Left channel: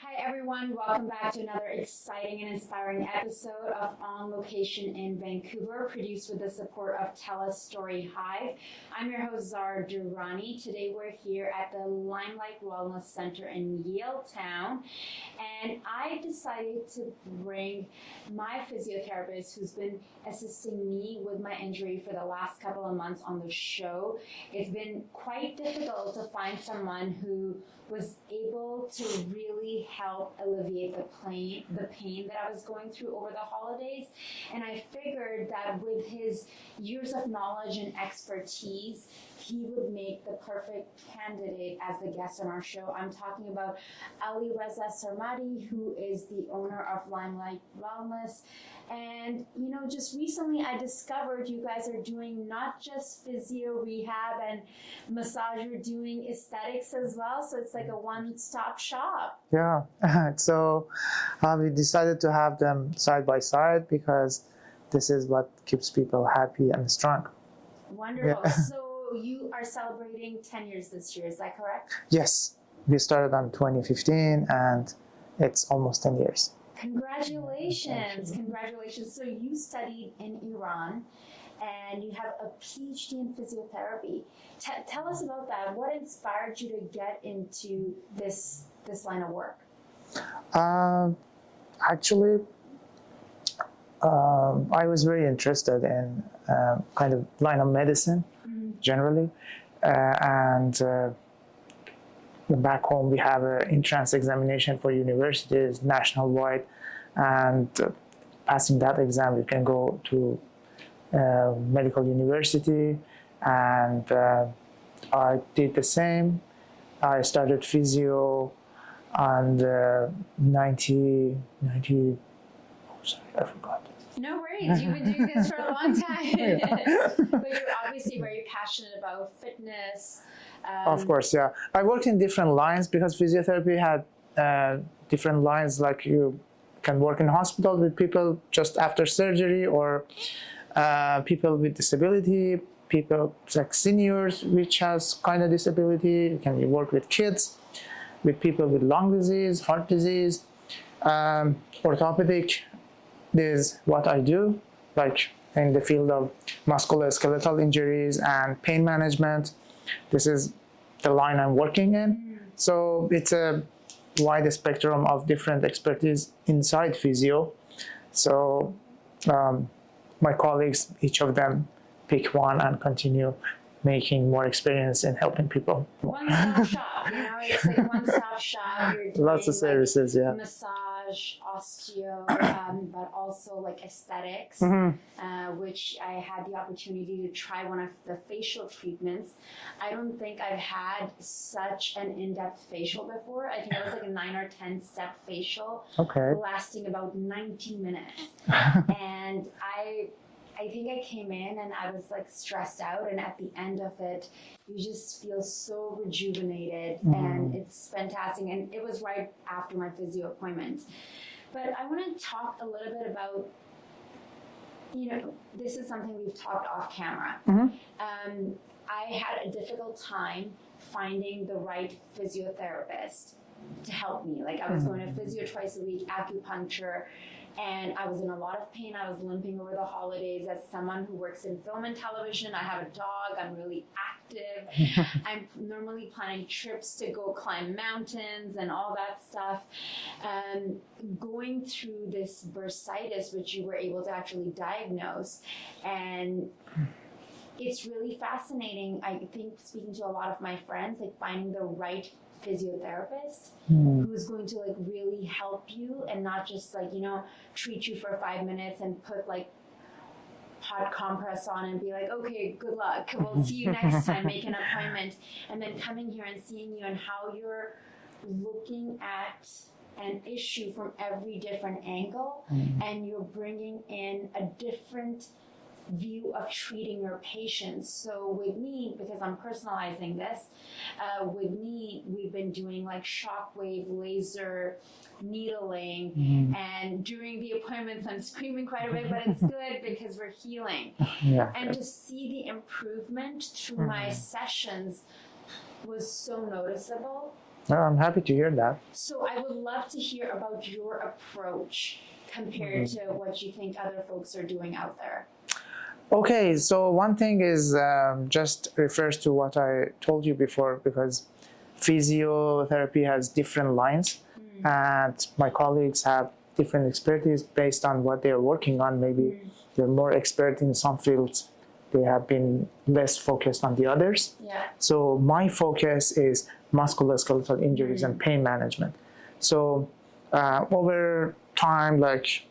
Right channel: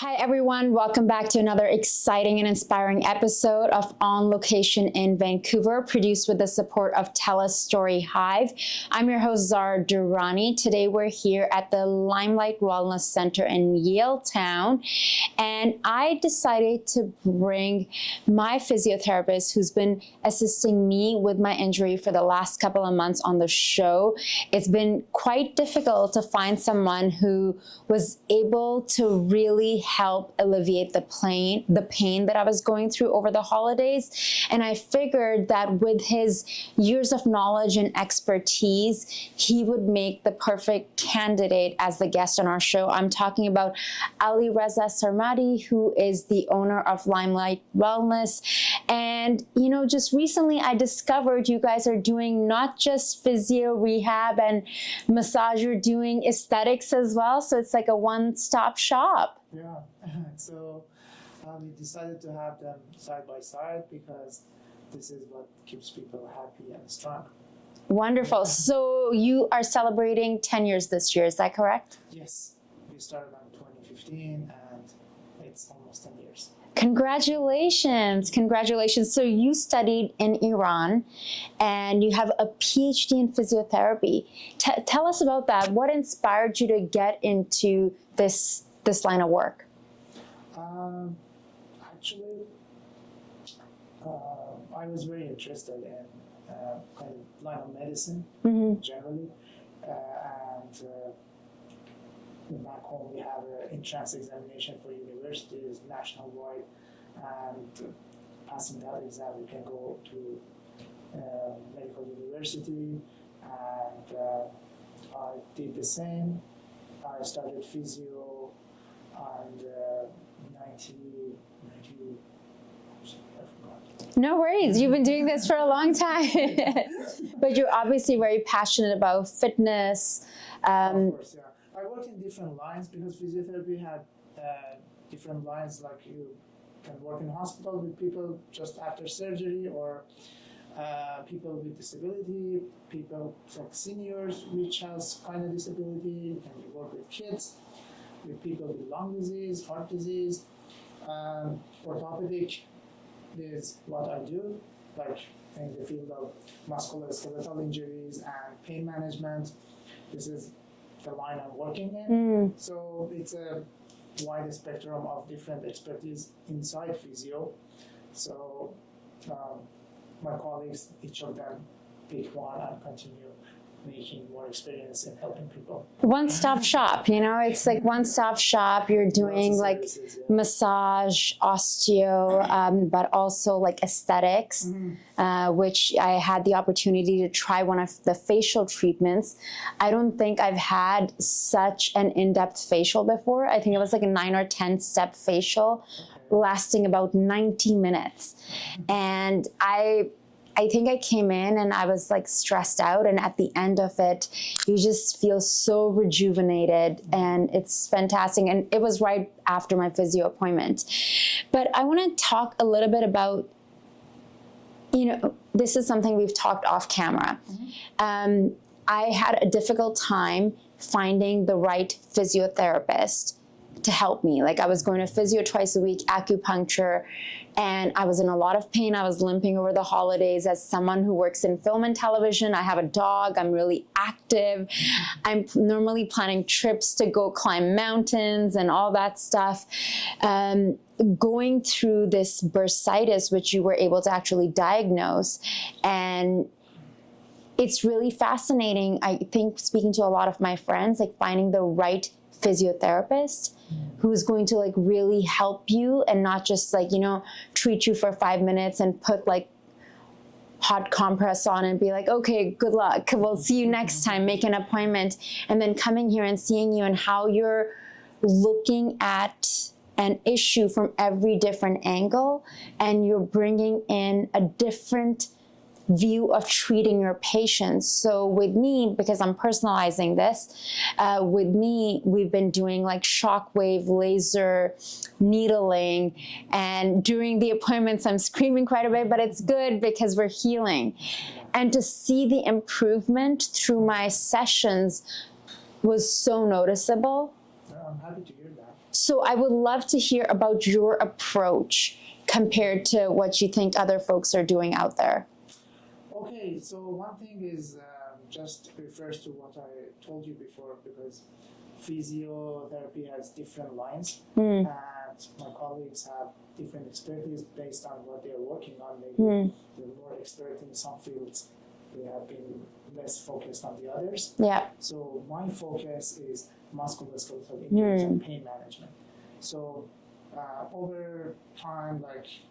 Hi everyone, welcome back to another exciting and inspiring episode of On Location in Vancouver, produced with the support of TELUS STORYHIVE. I'm your host, Zara Durrani. Today we're here at the Limelight Wellness Center in Yaletown, and I decided to bring my physiotherapist who's been assisting me with my injury for the last couple of months on the show. It's been quite difficult to find someone who was able to really help alleviate the pain that I was going through over the holidays. And I figured that with his years of knowledge and expertise, he would make the perfect candidate as the guest on our show. I'm talking about Alireza Sarmadi, who is the owner of Limelight Wellness. And, you know, just recently I discovered you guys are doing not just physio rehab and massage, you're doing aesthetics as well. So it's like a one-stop shop. Yeah, so we decided to have them side by side because this is what keeps people happy and strong. Wonderful. Yeah. So you are celebrating 10 years this year, is that correct? Yes, we started on 2015 and it's almost 10 years. Congratulations, congratulations. So you studied in Iran and you have a Ph.D. in physiotherapy. Tell us about that. What inspired you to get into this line of work? Actually, I was very interested in kind of line of medicine generally, and back home we have an entrance examination for universities nationwide, and passing that exam you can go to medical university, and I did the same. I started physio and 90, oh, sorry, I forgot. No worries, you've been doing this for a long time. But you're obviously very passionate about fitness. Of course, yeah. I worked in different lines because physiotherapy had different lines, like you can work in hospital with people just after surgery, or people with disability, people like seniors which has kind of disability. You can work with kids, with people with lung disease, heart disease, orthopedic is what I do, like in the field of musculoskeletal injuries and pain management. This is the line I'm working in. So it's a wide spectrum of different expertise inside physio. So my colleagues, each of them pick one and continue making more experience in helping people. One-stop shop, you know, it's like one-stop shop. You're doing Lots of services, like yeah. massage, osteo, but also like aesthetics, which I had the opportunity to try one of the facial treatments. I don't think I've had such an in-depth facial before. I think it was like a 9 or 10 step facial, lasting about 90 minutes. And I think I came in and I was like stressed out, and at the end of it, you just feel so rejuvenated, and it's fantastic. And it was right after my physio appointment. But I want to talk a little bit about, you know, this is something we've talked off camera. I had a difficult time finding the right physiotherapist to help me. Like I was going to physio twice a week, acupuncture, and I was in a lot of pain. I was limping over the holidays. As someone who works in film and television, I have a dog, I'm really active. I'm normally planning trips to go climb mountains and all that stuff. Going through this bursitis, which you were able to actually diagnose, and it's really fascinating. I think speaking to a lot of my friends, like finding the right physiotherapist who's going to like really help you and not just like, you know, treat you for 5 minutes and put like hot compress on and be like, okay, good luck, we'll see you next time, make an appointment. And then coming here and seeing you and how you're looking at an issue from every different angle, and you're bringing in a different view of treating your patients. So with me, because I'm personalizing this, with me, we've been doing like shockwave, laser, needling, and during the appointments, I'm screaming quite a bit, but it's good because we're healing. And to see the improvement through my sessions was so noticeable. I'm happy to hear that. So I would love to hear about your approach compared to what you think other folks are doing out there. Okay, so one thing is just refers to what I told you before, because physiotherapy has different lines, and my colleagues have different expertise based on what they're working on. Maybe they're more expert in some fields. They have been less focused on the others. Yeah. So my focus is musculoskeletal injuries and pain management. So over time, like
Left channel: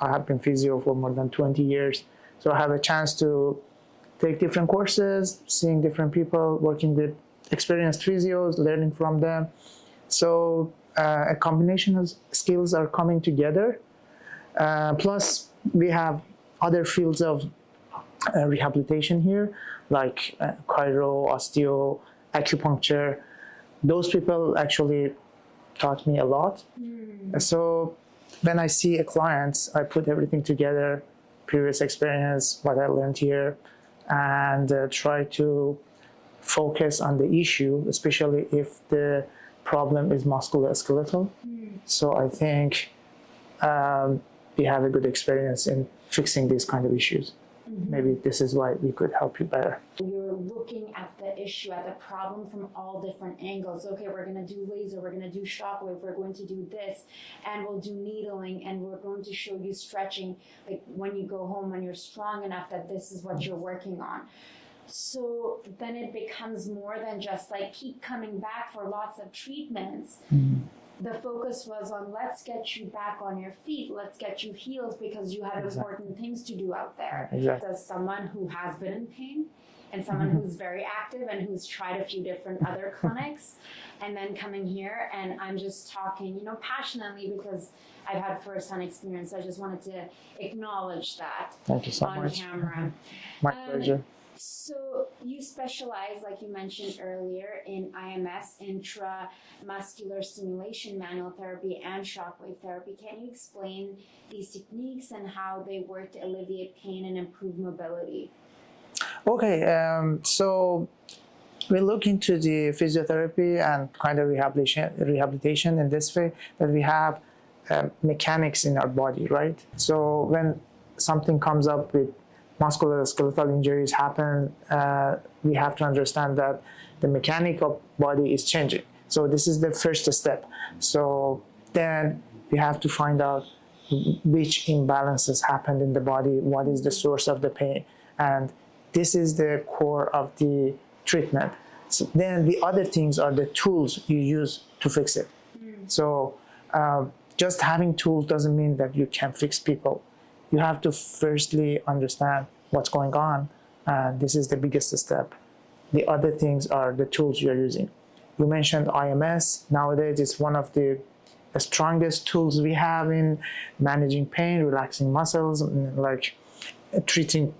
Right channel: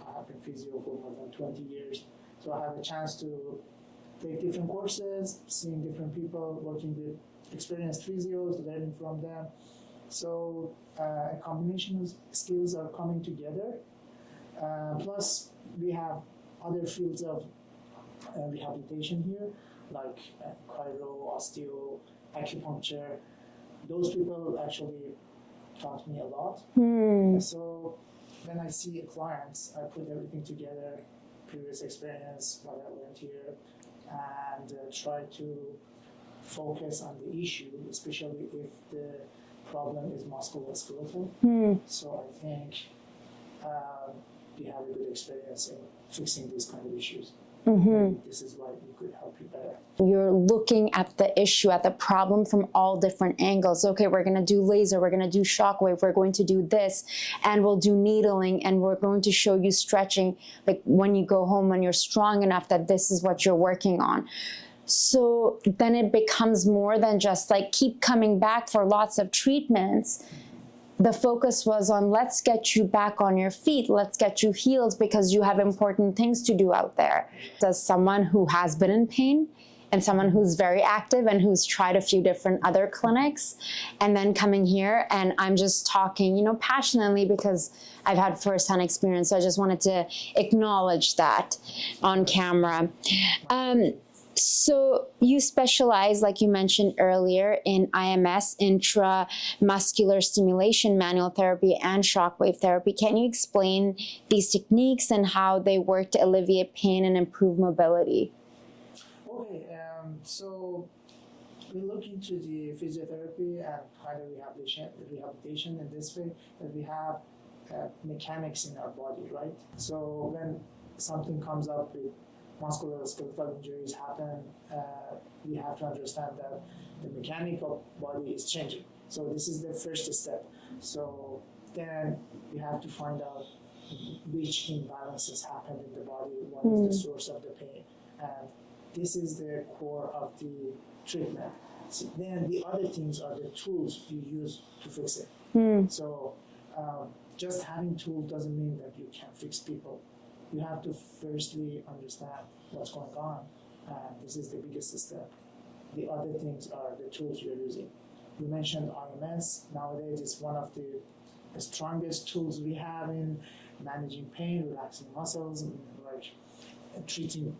I have been physio for more than 20 years. So I have a chance to take different courses, seeing different people, working with experienced physios, learning from them. So a combination of skills are coming together. Plus, we have other fields of rehabilitation here, like chiro, osteo, acupuncture. Those people actually taught me a lot. So when I see a client, I put everything together, previous experience, what I learned here, and try to focus on the issue, especially if the problem is musculoskeletal. So I think we have a good experience in fixing these kind of issues. Maybe this is why we could help you better. You're looking at the issue, at the problem from all different angles. Okay, we're going to do laser, we're going to do shockwave, we're going to do this, and we'll do needling, and we're going to show you stretching, like when you go home, when you're strong enough that this is what you're working on. So then it becomes more than just like keep coming back for lots of treatments. The focus was on let's get you back on your feet, let's get you healed, because you have important things to do out there. As someone who has been in pain and someone who's very active and who's tried a few different other clinics, and then coming here, and I'm just talking, you know, passionately because I've had firsthand experience. So I just wanted to acknowledge that on camera. My pleasure. So you specialize, like you mentioned earlier, in IMS, intramuscular stimulation, manual therapy, and shockwave therapy. Can you explain these techniques and how they work to alleviate pain and improve mobility? Okay, so we look into the physiotherapy and kind of rehabilitation in this way, that we have mechanics in our body, right? So when something comes up with musculoskeletal injuries happen, we have to understand that the mechanic of body is changing. So this is the first step. So then we have to find out which imbalances happened in the body, what is the source of the pain, and this is the core of the treatment. So then the other things are the tools you use to fix it. So just having tools doesn't mean that you can fix people. You have to firstly understand what's going on, and this is the biggest step. The other things are the tools you're using. You mentioned IMS. Nowadays, it's one of the strongest tools we have in managing pain, relaxing muscles, like treating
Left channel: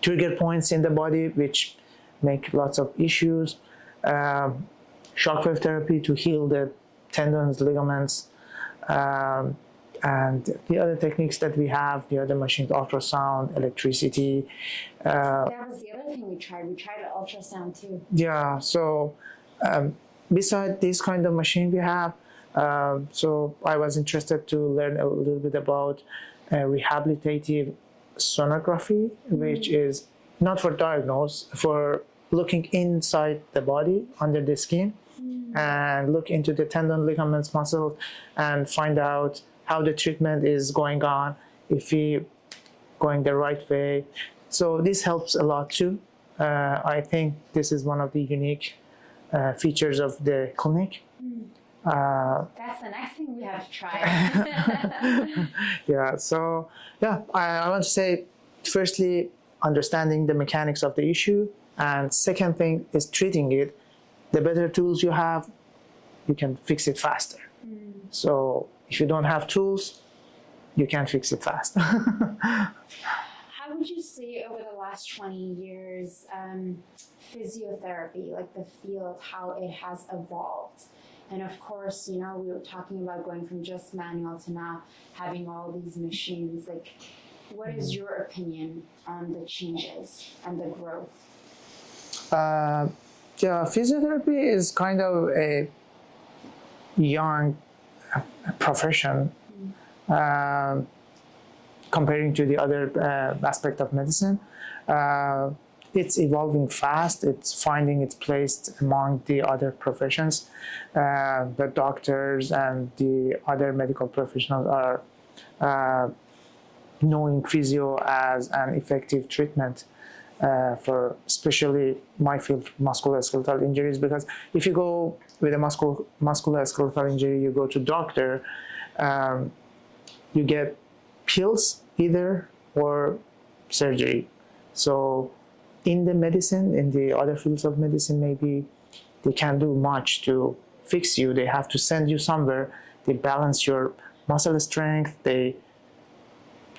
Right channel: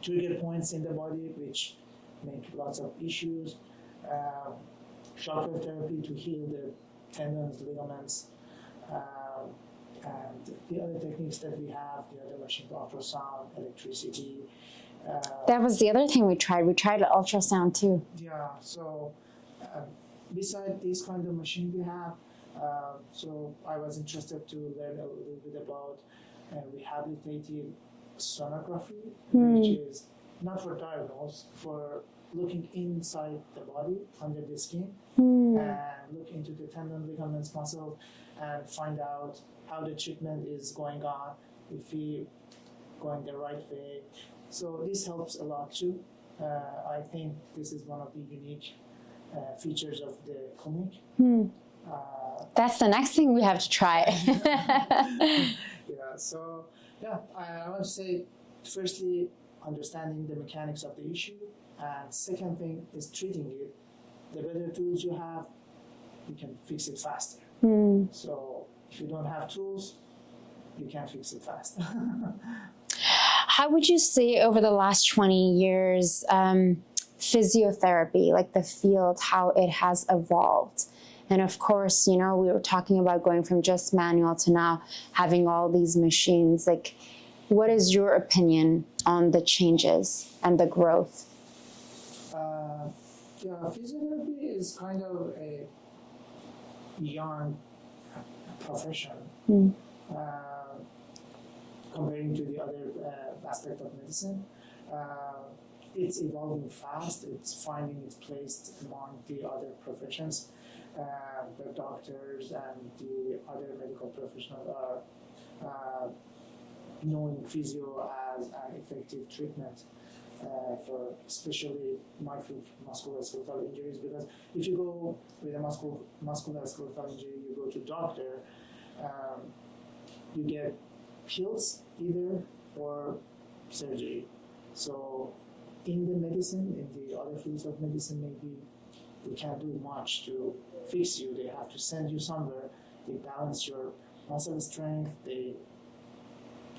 trigger points in the body, which make lots of issues. Shockwave therapy to heal the tendons, ligaments, and the other techniques that we have, the other machines, ultrasound, electricity. That was the other thing we tried. We tried ultrasound too. Yeah, so beside this kind of machine we have, so I was interested to learn a little bit about rehabilitative sonography, which is not for diagnose, for looking inside the body, under the skin, and look into the tendon, ligaments, muscles, and find out how the treatment is going on, if we going the right way. So this helps a lot too. I think this is one of the unique features of the clinic. That's the next thing we have to try. Yeah, so yeah, I want to say, firstly, understanding the mechanics of the issue, and second thing is treating it. The better tools you have, you can fix it faster. So if you don't have tools, you can't fix it fast. How would you say over the last 20 years, physiotherapy, like the field, how it has evolved? And of course, you know, we were talking about going from just manual to now having all these machines. Like, what is your opinion on the changes and the growth? Yeah, physiotherapy is kind of a young profession comparing to the other aspect of medicine. It's evolving fast. It's finding its place among the other professions. The doctors and the other medical professionals are knowing physio as an effective treatment for especially my field, musculoskeletal injuries. Because if you go with a musculoskeletal injury, you go to doctor, you get pills either or surgery. So in the medicine, in the other fields of medicine, maybe they can't do much to fix you. They have to send you somewhere. They balance your muscle strength. They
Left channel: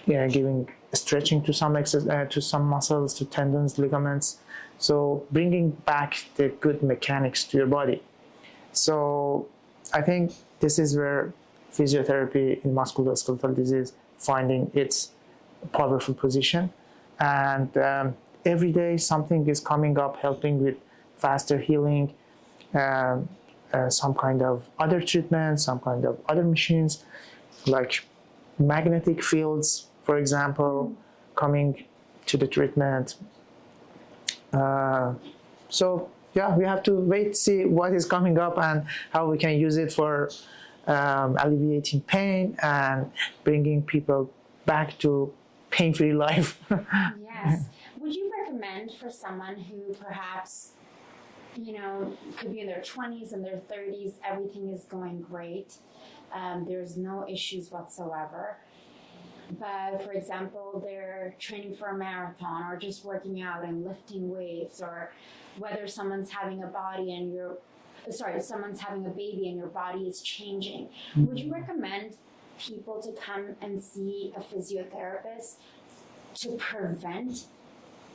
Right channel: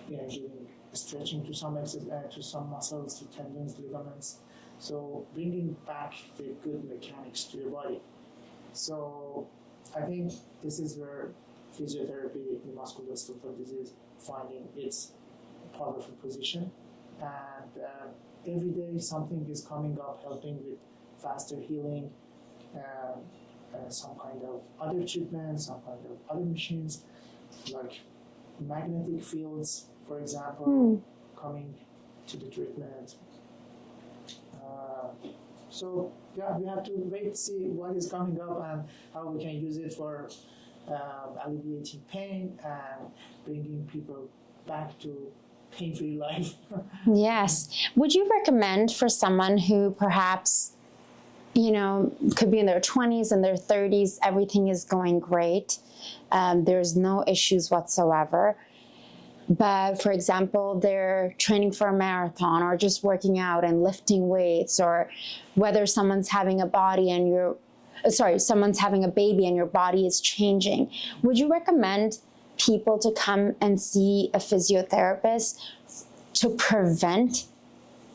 giving stretching to some to some muscles, to tendons, ligaments. So bringing back the good mechanics to your body. So I think this is where physiotherapy in musculoskeletal disease finding its powerful position. And every day something is coming up helping with faster healing, some kind of other treatments, some kind of other machines, like magnetic fields, for example, coming to the treatment. So yeah, we have to wait, see what is coming up and how we can use it for alleviating pain and bringing people back to pain-free life. Yes. Would you recommend for someone who perhaps, could be in their 20s and their 30s, everything is going great, there's no issues whatsoever, but for example, they're training for a marathon or just working out and lifting weights, or whether someone's having a baby and your body is changing. Would you recommend people to come and see a physiotherapist to prevent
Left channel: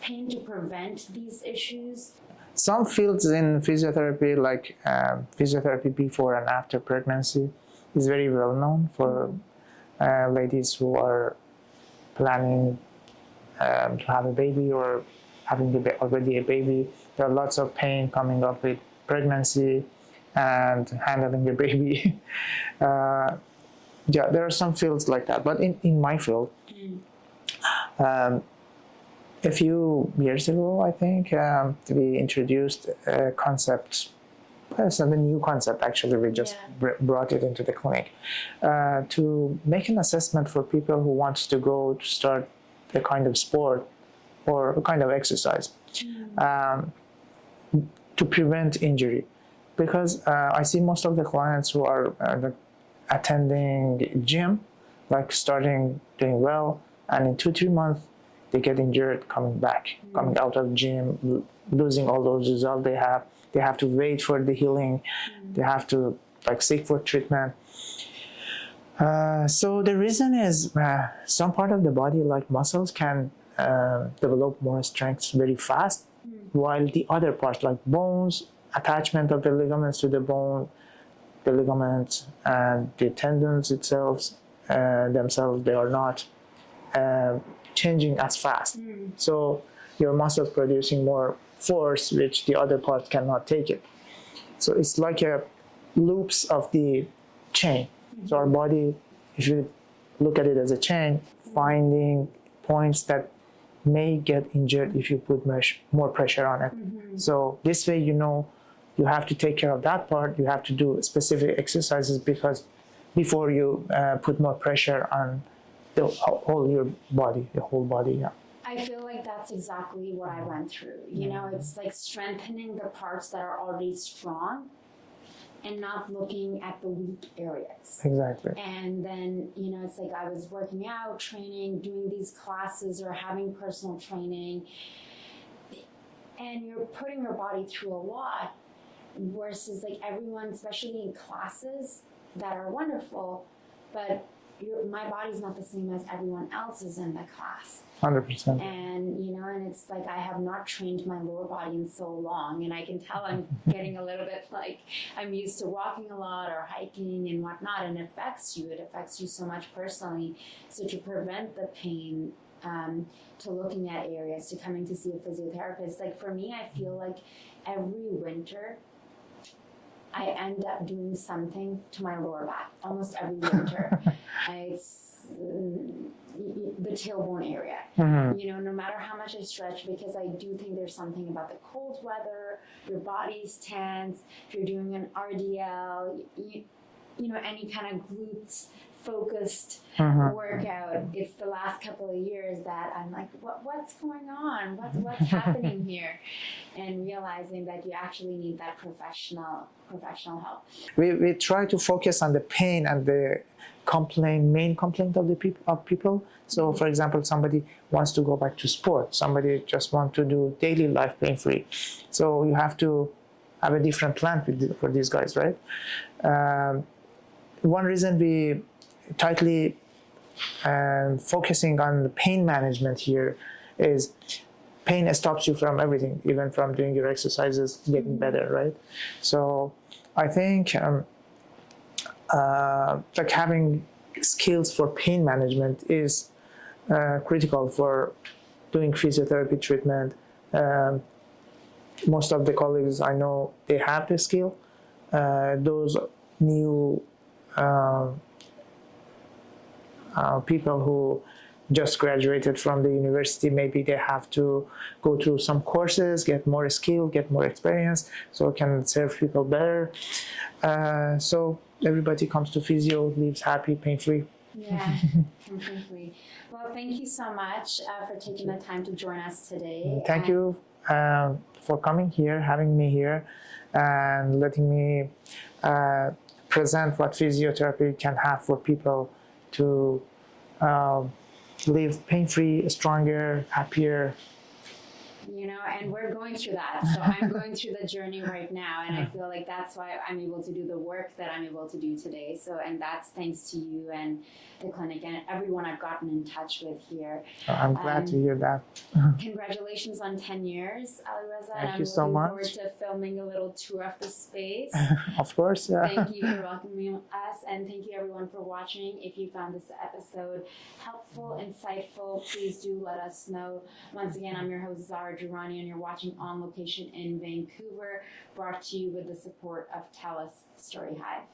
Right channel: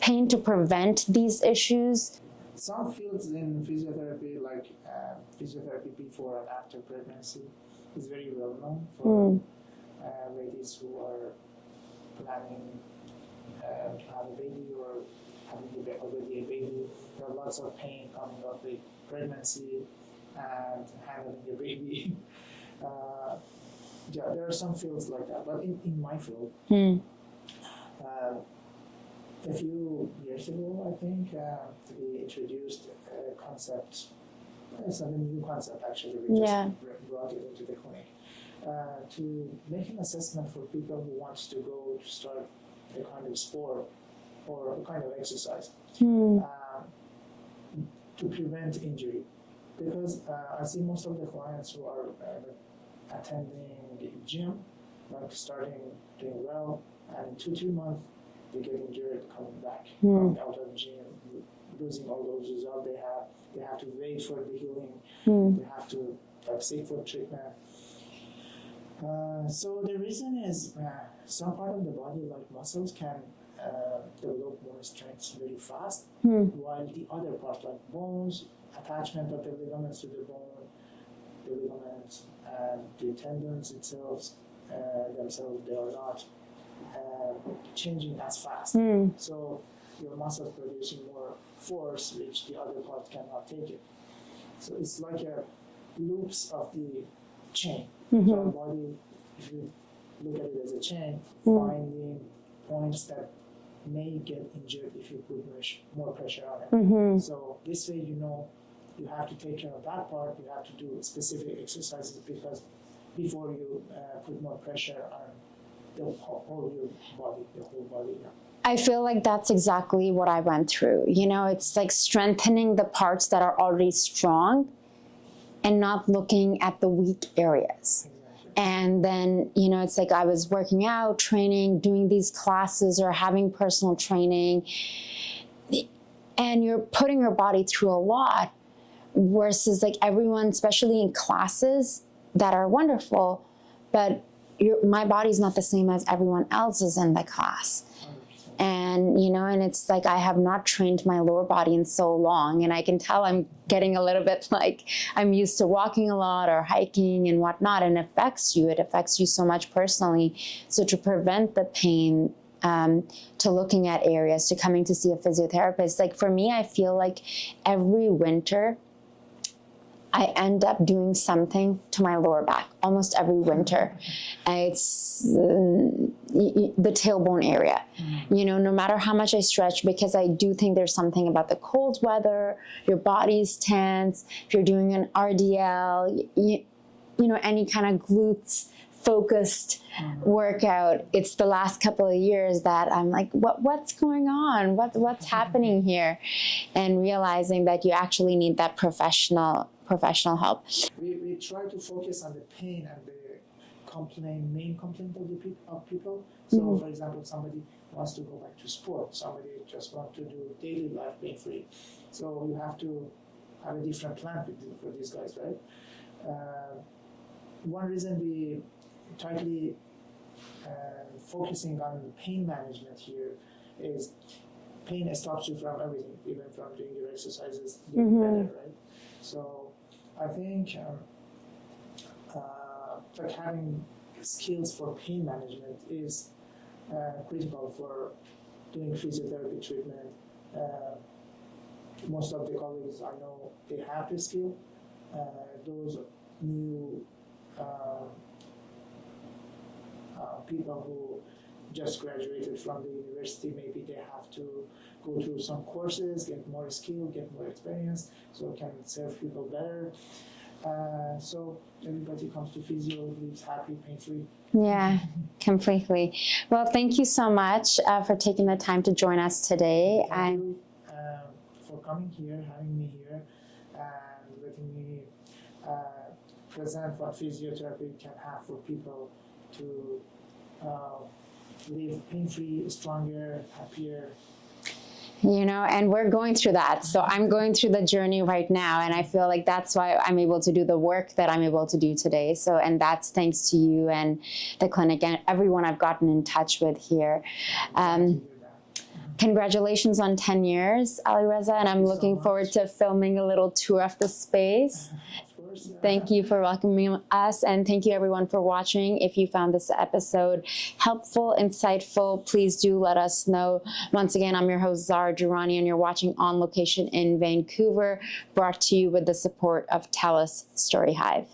pain, to prevent these issues? Some fields in physiotherapy, like physiotherapy before and after pregnancy, is very well known for ladies who are planning to have a baby or having already a baby. There are lots of pain coming up with pregnancy and handling a baby. Yeah, there are some fields like that. But in my field, a few years ago, I think, we introduced a concept. It's not a new concept, actually. We just brought it into the clinic to make an assessment for people who want to go to start a kind of sport or a kind of exercise to prevent injury. Because I see most of the clients who are attending gym, like starting doing well, and in 2-3 months they get injured coming back, coming out of gym, losing all those results they have. They have to wait for the healing. They have to seek for treatment. So the reason is some part of the body, like muscles, can develop more strength very fast, while the other parts, like bones, attachment of the ligaments to the bone, the ligaments and the tendons themselves, they are not changing as fast. So your muscles producing more force, which the other part cannot take it. So it's like a loops of the chain. So our body, if you look at it as a chain, finding points that may get injured if you put more pressure on it. So this way, you have to take care of that part. You have to do specific exercises before you put more pressure on the whole body. Yeah. I feel like that's exactly what I went through. It's like strengthening the parts that are already strong and not looking at the weak areas. Exactly. And then, it's like I was working out, training, doing these classes or having personal training, and you're putting your body through a lot, versus like everyone, especially in classes that are wonderful, but my body's not the same as everyone else's in the class. 100%. And, and it's like I have not trained my lower body in so long, and I can tell I'm getting a little bit like I'm used to walking a lot or hiking and whatnot, and it affects you so much personally. So to prevent the pain, to looking at areas, to coming to see a physiotherapist, like for me, I feel like every winter I end up doing something to my lower back almost every winter. It's the tailbone area. You know, no matter how much I stretch, because I do think there's something about the cold weather, your body's tense, if you're doing an RDL, you know, any kind of glutes focused workout, it's the last couple of years that I'm like, what's going on? What's happening here? And realizing that you actually need that professional help. We try to focus on the pain and the main complaint of the people. So, for example, somebody wants to go back to sport. Somebody just wants to do daily life pain-free. So you have to have a different plan for these guys, right? One reason we tightly focusing on the pain management here is pain stops you from everything, even from doing your exercises, getting better, right? So I think like having skills for pain management is critical for doing physiotherapy treatment. Most of the colleagues I know, they have the skill. Those new people who just graduated from the university, maybe they have to go through some courses, get more skill, get more experience, so can serve people better. So everybody comes to physio, lives happy, pain-free. Yeah, completely. Well, thank you so much for taking the time to join us today. Thank you for coming here, having me here, and letting me present what physiotherapy can have for people to live pain-free, stronger, happier. You know, and we're going through that. So I'm going through the journey right now, and I feel like that's why I'm able to do the work that I'm able to do today. So, and that's thanks to you and the clinic and everyone I've gotten in touch with here. I'm glad to hear that. Congratulations on 10 years, Alireza, and I'm looking forward to filming a little tour of the space. Of course. Yeah. Thank you for welcoming us, and thank you everyone for watching. If you found this episode helpful, insightful, please do let us know. Once again, I'm your host, Zara Durrani, and you're watching On Location in Vancouver, brought to you with the support of TELUS STORYHIVE.